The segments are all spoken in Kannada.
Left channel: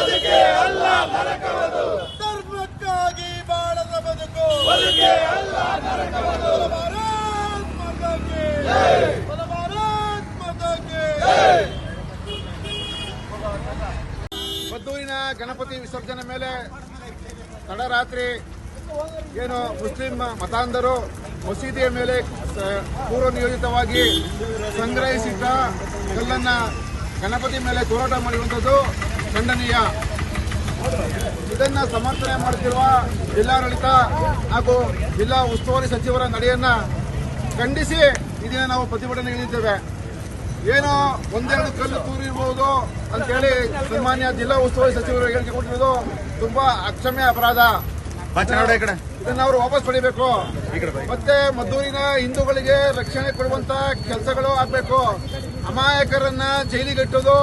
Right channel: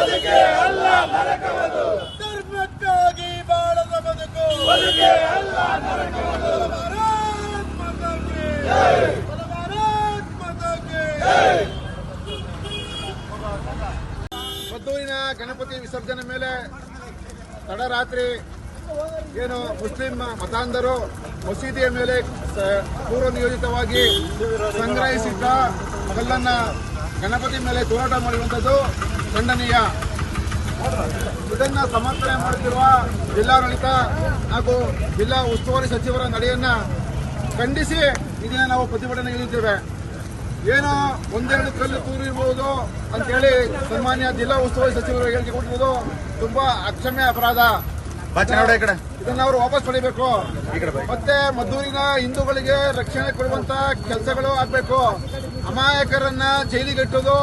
ಬದುಕೆ ಅಲ್ಲ ನರಕವದು. ಧರ್ಮಕ್ಕಾಗಿ ಬಾಳದ ಬದುಕು. ಬದುಕೆ ಅಲ್ಲ ನರಕವದು. ಭಾರತ್ ಭಾರತ್ ಮದ್ದೂರಿನ ಗಣಪತಿ ವಿಸರ್ಜನೆ ಮೇಲೆ ತಡರಾತ್ರಿ ಏನು ಮುಸ್ಲಿಂ ಮತಾಂಧರು ಮಸೀದಿಯ ಮೇಲೆ ಪೂರ್ವ ನಿಯೋಜಿತವಾಗಿ ಸಂಗ್ರಹಿಸಿದ್ದ ಕಲ್ಲನ್ನ ಗಣಪತಿ ಮೇಲೆ ತೋರಾಟ ಮಾಡಿರುವಂಥದ್ದು. ಖಂಡನೀಯ. ಇದನ್ನು ಸಮರ್ಥನೆ ಮಾಡುತ್ತಿರುವ ಜಿಲ್ಲಾಡಳಿತ ಹಾಗೂ ಜಿಲ್ಲಾ ಉಸ್ತುವಾರಿ ಸಚಿವರ ನಡೆಯನ್ನ ಖಂಡಿಸಿ ಇದನ್ನ ನಾವು ಪ್ರತಿಭಟನೆ ಇಳಿದಿದ್ದೇವೆ ಏನೋ ಒಂದೆರಡು ಕಲ್ಲು ತೂರಿರ್ಬೋದು ಅಂತೇಳಿ ಸನ್ಮಾನ್ಯ ಜಿಲ್ಲಾ ಉಸ್ತುವಾರಿ ಸಚಿವರು ಹೇಳಿಕೆ ಕೊಟ್ಟಿರೋದು ತುಂಬಾ ಅಕ್ಷಮ್ಯ ಅಪರಾಧ. ಇದನ್ನ ಅವರು ವಾಪಸ್ ಪಡಿಬೇಕು. ಮತ್ತೆ ಮದ್ದೂರಿನ ಹಿಂದೂಗಳಿಗೆ ರಕ್ಷಣೆ ಕೊಡುವಂತ ಕೆಲಸಗಳು ಆಗ್ಬೇಕು. ಅಮಾಯಕರನ್ನ ಜೈಲಿಗಟ್ಟೋದು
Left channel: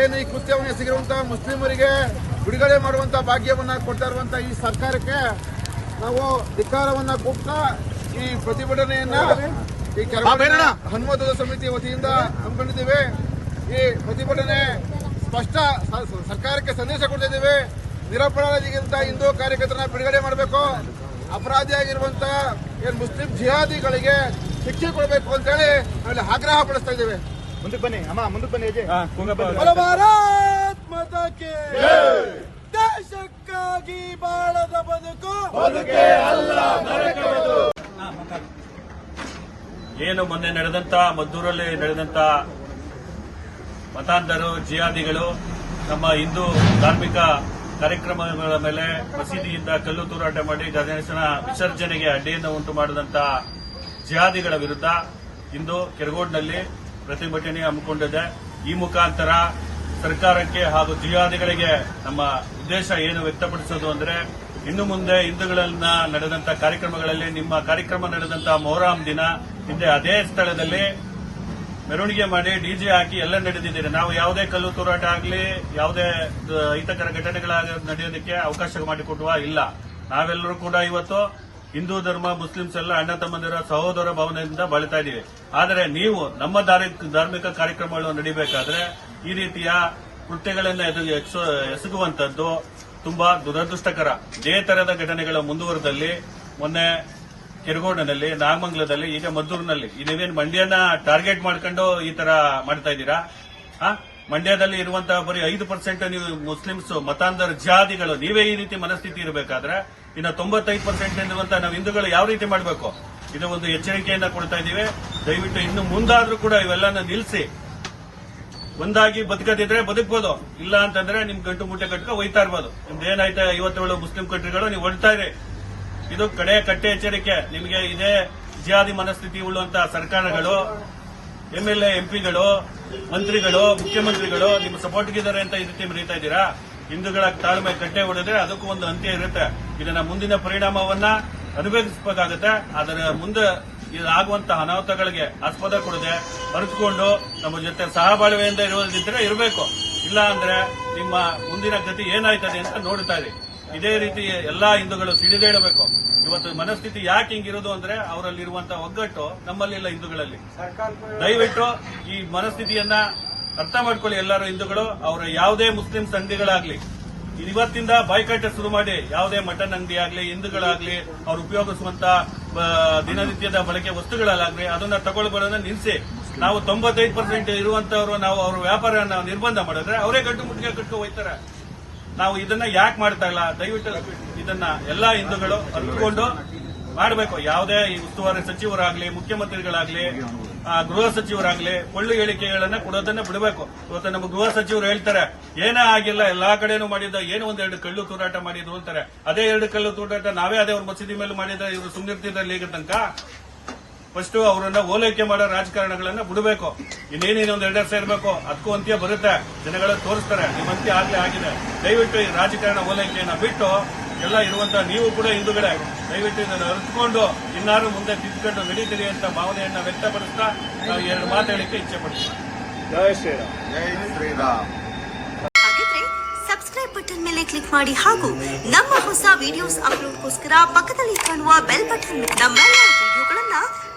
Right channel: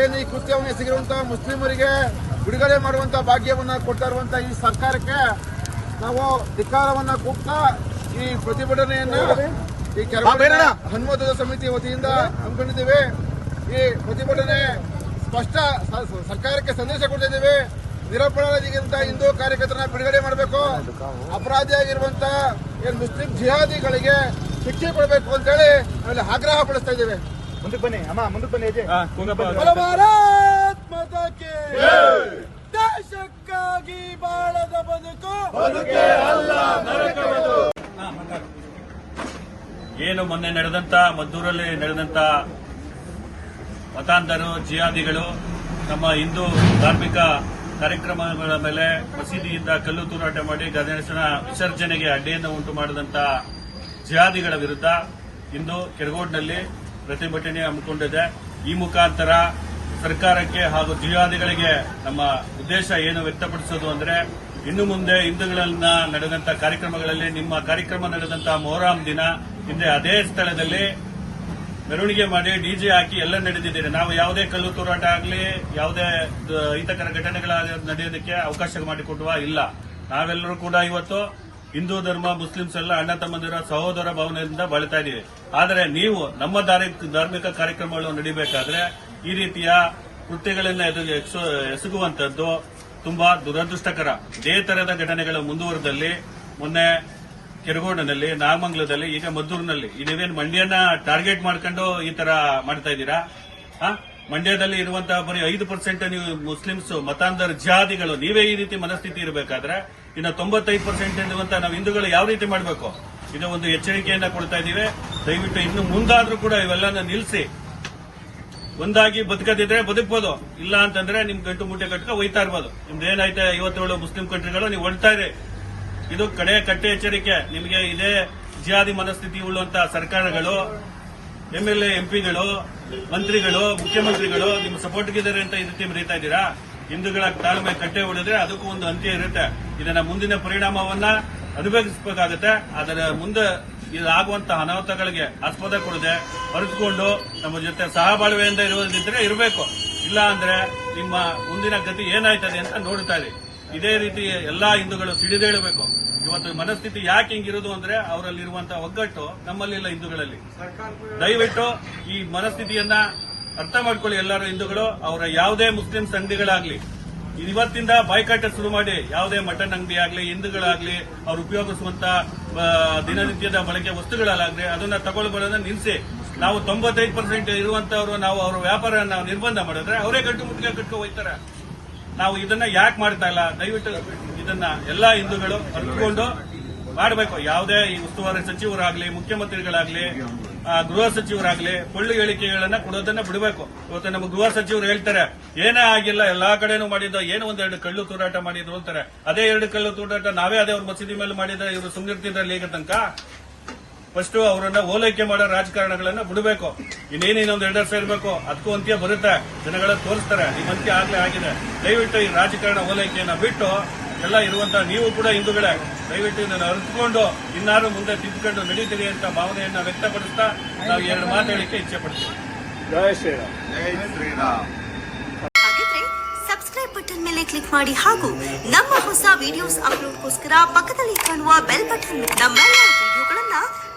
ಏನು ಈ ಕೃತ್ಯವನ್ನು ಎಸಗಿರುವಂತಹ ಮುಸ್ಲಿಮರಿಗೆ ಬಿಡುಗಡೆ ಮಾಡುವಂತ ಭಾಗ್ಯವನ್ನ ಕೊಡ್ತಾ ಇರುವಂತ ಈ ಸರ್ಕಾರಕ್ಕೆ ನಾವು ಧಿಕ್ಕಾರವನ್ನ ಕೂಗ್ತಾ ಈ ಪ್ರತಿಭಟನೆಯನ್ನ ಈ ಕೆಲ ಹನುಮತದ ಸಮಿತಿ ವತಿಯಿಂದ ಹಮ್ಮಿಕೊಂಡಿದ್ದೇವೆ. ಈ ಪ್ರತಿಭಟನೆ ಸ್ಪಷ್ಟ ಸರ್ಕಾರಕ್ಕೆ ಸಂದೇಶ ಕೊಡ್ತಾ ಇದ್ದೇವೆ ನಿರಪರಾಧಿಗಿಂತ ಹಿಂದೂ ಕಾರ್ಯಕರ್ತರನ್ನ ಬಿಡುಗಡೆ ಮಾಡಬೇಕು. ಅಪರಾಧಿಯಾಗಿರುವಂತ ಏನ್ ಮುಸ್ಲಿಂ ಜಿಹಾದಿಗಳಿಗೆ ಶಿಕ್ಷೆ ಕೊಡಬೇಕು ಅಂತೇಳಿ ಆಮೇಲೆ ಆಗ್ರಹ ಪಡಿಸ್ತಾ ಇದ್ದೇವೆ. ಮುಂದಕ್ಕೆ ಬನ್ನಿ. ಅಮ್ಮ ಮುಂದಕ್ಕೆ ಬನ್ನಿ ಅಜಯ್. ಭಾರತ್ ಮಾತಾಕೆ ದೇಶಕ್ಕಾಗಿ ಬಾಳದ ಬದುಕು. ಏನು ಮೊನ್ನೆ ನಡೆದಂತ ಮದ್ದೂರಲ್ಲಿ ನಡೆದಂತ ಮತಾಂಧರು ಜಿಹಾದಿಗಳು ನಮ್ಮ ಹಿಂದೂ ಧಾರ್ಮಿಕ ಕಾರ್ಯಕ್ರಮಗಳ ಮೇಲೆ ಮಸೀದಿಯಿಂದ ಕಲ್ಲು ತೂರಾಟ ಮಾಡಿ ಗಣೇಶನ ವಿಸರ್ಜನೆಗೆ ಅಡ್ಡಿಯನ್ನು ಉಂಟು ಮಾಡಿದಂತ ಜಿಹಾದಿಗಳ ವಿರುದ್ಧ ಇಂದು ಕೆರಗೋಡ್ನಲ್ಲಿ ಪ್ರತಿಭಟನೆ ಹಮ್ಮಿಕೊಂಡಿದೆ. ಈ ಮುಖಾಂತರ ಸರ್ಕಾರಕ್ಕೆ ಹಾಗೂ ಜಿಹಾದಿಗಳಿಗೆ ನಮ್ಮ ಉದ್ದೇಶ ಏನು ವ್ಯಕ್ತಪಡಿಸೋದು ಅಂದ್ರೆ, ಇನ್ನು ಮುಂದೆ ಹಿಂದೂಗಳನ್ನ ನಡೆದಂತ ಕಾರ್ಯಕ್ರಮಗಳಲ್ಲಿ, ನಿಮ್ಮ ಕಾರ್ಯಕ್ರಮ ನಡೆದಂತ ಮೊಹರಾಮ್ ದಿನ ಹಿಂದೆ ಅದೇ ಸ್ಥಳದಲ್ಲಿ ಮೆರವಣಿಗೆ ಮಾಡಿ ಡಿಜೆ ಹಾಕಿ ಎಲ್ಲ ನಡೆದಿದ್ದೀರಿ. ನಾವು ಯಾವುದೇ ಕಲ್ಲು ತೂರಾಟ ಆಗಲಿ, ಯಾವುದೇ ಹಿತಕರ ಘಟನೆಗಳಾಗ ಘಟನೆಗಳ ನಡೆಯೋದಕ್ಕೆ ಅವಕಾಶ ಮಾಡಿಕೊಡುವ ಇಲ್ಲ. ನಾವೆಲ್ಲರೂ ಕೂಡ ಇವತ್ತು ಹಿಂದೂ ಧರ್ಮ, ಮುಸ್ಲಿಮ್ಸ್ ಎಲ್ಲ ಅಣ್ಣ ತಮ್ಮಂದಿರ ಸಹೋದರ ಭಾವನೆಯಿಂದ ಬಾಳ್ತಾ ಇದೀವಿ. ಆದರೆ ನೀವು ನಮ್ಮ ಧಾರ್ಮಿಕ ಕಾರ್ಯಕ್ರಮಗಳು ನಡೀಬೇಕಾದ್ರೆ ಈ ರೀತಿಯ ಕೃತ್ಯಗಳನ್ನು ಎಸಗುವಂತದ್ದು ತುಂಬಾ ದುರದೃಷ್ಟಕರ. ಇದೇ ತರದ ಘಟನೆಗಳು ಮುಂದುವರೆದಲ್ಲಿ, ಮೊನ್ನೆ ಕೆರಗೋಡಿನಲ್ಲಿ, ನಾಗಮಂಗಲದಲ್ಲಿ, ಈಗ ಮದ್ದೂರಿನಲ್ಲಿ. ನೀವೇನು ಮಂಡ್ಯನ ಟಾರ್ಗೆಟ್ ಮಾಡ್ಕೊಂಡು ಈ ತರ ಮಾಡ್ತಾ ಇದ್ದೀರಾ? ಮಂಡ್ಯದಲ್ಲಿ ಇರುವಂತಹ ಬರೀ ಐದು ಪರ್ಸೆಂಟ್ ನೀವು ಮುಸ್ಲಿಮ್ಸ್ ಮತಾಂಧರ್, ಜಾತಿಗಳು, ನೀವೇ ಈ ರೀತಿ ಮನಸ್ಥಿತಿ ಇರಬೇಕಾದ್ರೆ ಇನ್ನು ತೊಂಬತ್ತೈದು ಪರ್ಸೆಂಟ್ ಇರುವಂತಹ ನಾವು ಹಿಂದೂಗಳು ಯಾವ ರೀತಿ ಮಾಡಬೇಕು? ಇದು ಒಂದು ಎಚ್ಚರಿಕೆಯನ್ನ ಕೊಡ್ತಾ ಇದ್ದೀವಿ. ದಯವಿಟ್ಟು ಇನ್ನು ಮುಂದಾದ್ರೂ ಕೂಡ ಇವೆಲ್ಲನ ನಿಲ್ಲಿಸಿ ಒಂದಾಗಿ ಬದುಕದಿದ್ರೆ ಬದುಕಬಹುದು ಇಲ್ಲ ಅಂತಂದ್ರೆ ನಿಮ್ ಗಂಟು ಮೂಟೆ ಕಟ್ಕ ಒಯ್ತಾ ಇರ್ಬೋದು. ನಿಮ್ದು ಏನಾಯ್ತಾ ಐವತ್ತೇಳು ಮುಸ್ಲಿಂ ಕಂಟ್ರಿಗಳು ನೀವು ಒಳ್ತಾ ಇದೆ ಇದು ಕಡೆ ಕಟ್ಟೆ ಎಚ್ಚರಿಕೆ. ನಿಮಗೆ ಇದೇ ಜಿಹಾದಿ ಮನಸ್ಥಿತಿ ಉಳ್ಳುವಂತಹ ಸರ್ಕಾರಗಳು ಎಂಎಲ್ಎ ಎಂಪಿಗಳು ಮಂತ್ರಿಗಳು, ಮುಖ್ಯಮಂತ್ರಿಗಳು ನಿಮ್ಮ ಸಪೋರ್ಟ್ಗಿದ್ದಾರೆ ಅಂತ ಈ ರೀತಿ ಮರೀತಾ ಇದ್ದೀರಾ? ಹಿಂದೂಗಳ ತಾಳ್ಮೆ ಕಟ್ಟೆ ಹೊಡೆದ್ರೆ ಅದಕ್ಕೂ ಒಂದು ಅಂತ್ಯ ಇರುತ್ತೆ. ಇದನ್ನ ಮುಂದಿನ ಪರಿಣಾಮವನ್ನ ಅನುಭವಿಸಬೇಕಾಗುತ್ತೆ. ಅದರ ಮುಂದೆ ಇದಾಗುವಂತಹ ಅನಾಹುತಗಳಿಗೆ ಆಸ್ಪದ ಕೊಡದೆ ಅರಿತುಕೊಂಡು ನಮ್ಮ ಜೊತೆ ಸಹಬಾಳ್ವೆಯಿಂದ ಇರೋದಿದ್ರೆ ಇರಬೇಕು. ಇಲ್ಲ ಅಂದ್ರೆ ನಿಮ್ಮ ಮುಂದಿನ ಗತಿ ಏನಾಯ್ತದೆ ಅಂತ ನೋಡ್ತಾ ಇದೆ ಇದೇ ರೀತಿ ಎಲ್ಲಾ ಹಿಂದೂಗಳು ಸಿಡಿದೇಳಬೇಕು ಇವತ್ತು ಮನಸ್ಥಿತಿ ಯಾಕೆ ಹಿಂಗಿರೋದು ಅಂದ್ರೆ ಅವರಲ್ಲಿರುವಂತಹ ಒಗ್ಗಟ್ಟು ನಮ್ಮಲ್ಲಿಲ್ಲ ಹಿಂದೂಗಳಲ್ಲಿ. ದಯವಿಟ್ಟು ಈ ಮನಸ್ಥಿತಿಯನ್ನ ಅರ್ಥ ಮಾಡ್ಕೊಳ್ಳಿ ಎಲ್ಲರೂ ಹಿಂದೂಗಳು ಅವರ ಯಾವುದೇ ಮುಸ್ಲಿಂ ಸಂಧಿಗಳಾಗ್ಲಿ ಇವತ್ತಿಂದ ಬಾಯ್ಕಾಟ ಶುರು ಮಾಡಿ ಯಾವುದೇ ಮಟನ್ ಅಂಗಡಿ ಆಗ್ಲಿ ಹಿಂದೂಗಳಾಗ್ಲಿ ಅವ್ರು ಉಪಯೋಗಿಸುವಂತ ದಿನನಿತ್ಯದ ಬಳಕೆ ವಸ್ತುಗಳಾಗ್ಲಿ ಅದನ್ನ ತಗೊಳ್ಬಾರ್ದನ್ನ ನಿಲ್ಲಿಸಿ ನಾವು ತೊಂಬತ್ತೈದು ಪರ್ಸೆಂಟ್ ಇರುವಂತವ್ರು ನಾವು ಅವ್ರ ವ್ಯಾಪಾರ ನಾವು ನಿರ್ಬಂಧ ಮಾಡಿದ್ರೆ ಅವರೇ ಗಂಟು ಮುಟ್ಟಿಗೆ ಕಟ್ಕೊ ಹೋಯ್ತಾರೆ ನಾವು ಇದನ್ನ ಯಾಕೆ ಮಾಡ್ತಾ ಇಲ್ಲ? ದಯವಿಟ್ಟು ಇದನ್ನ ಎಲ್ಲಾ ಹಿಂದೂಗಳು ಅರ್ಥಕೊಂಡು ಮಾಡಬೇಕು. ಯಾವುದೇ ಈ ಉಸ್ತುವಾರಿ ಸಚಿವರಾಗ್ಲಿ, ಮುಖ್ಯಮಂತ್ರಿಗಳಾಗ್ಲಿ ಗೃಹ ಸಚಿವರಾಗ್ಲಿ ಪೊಳ್ಳು ಹೇಳಿಕೆಗಳನ್ನ ಕೊಡೋದನ್ನ ಬಿಡಬೇಕು. ಇವತ್ತು ನಮ್ಮ ಗೃಹ ಸಚಿವರು ಹೇಳ್ತಾರೆ, ಏನೇ ಆಗಿಲ್ಲ, ಎಲ್ಲಾ ಕಡೆನೂ ಮಾಡಿದ್ದ, ಏನೋ ಒಂದೆರಡು ಕಳ್ಳು ತೂರಾಟ ಮಾಡಿದ್ರು ಅಂತಾರೆ. ಅದೇ ಎರಡು ಕಳ್ಳು ತೂರಾಟ ನಾವೇ ಅದೇ ಅವ್ರ ಮಸೀದಿ ಮೇಲೆ ಮಾಡಿದ ಇವರು ಸುಮ್ನಿರ್ತಿದ್ರಲ್ಲಿ ಈಗ ತನಕ? ಫಸ್ಟ್ ಅವರನ್ನ ಓಲೈಕೆ ಮಾಡೋ ರಾಜಕಾರಣಗಳನ್ನ ಬಿಡಬೇಕು. ಇನ್ನೇನೇನೊಂದು ಎರಡು ವರ್ಷ ಇರಬೇಕು ಅದಕ್ಕೂ ಅಂತ್ಯ ಬರುತ್ತೆ. ಜನಗಳ ತೋರಿಸ್ತಾರೆ ನಿಮ್ಮ ಅಂತ್ಯ ಆಗಿ ಆಗಿದೆ. ದಯವಿಟ್ಟು ಈ ರಾಜಕಾರಣ ಓಲೈಕೆಯನ್ನ ಬಿಟ್ಟು ಎಲ್ಲ ಇರುವಂತಹ ನೀವು ಕೂಡ ಹಿಂದುಗಡೆ ದಯವಿಟ್ಟು ಇದನ್ನು ಅರಿತುಕೊಂಡು ಇನ್ನಾರು ಮುಂದೆ ತಿದ್ದುಕೊಂಡು ನಡೀತೀರಿ ಅಂತ ಭಾವನೆಯನ್ನ ವ್ಯಕ್ತಪಡಿಸ್ತಾ ನಾವು ಎರಡು ಮಾತು ಹೇಳಿಕೆ ಇಚ್ಛೆ ಪಡ್ತೀವಿ. ಸಬ್ಸ್ಕ್ರೈಬ್ ಬಟನ್ ಮೇಲೆ ಕ್ಲಿಕ್ ಮಾಡಿ ಹಾಗೂ ನಮ್ಮ ಹೊಸ ವಿಡಿಯೋಸ್ ಅಪ್ಲೋಡ್ಗೋಸ್ಕರ ಪಕ್ಕದಲ್ಲಿ ಕಾಣುವ ಬೆಲ್ ಬಟನ್ ನಮ್ಮೆಲ್ಲ ವಿಡಿಯೋಗಳನ್ನ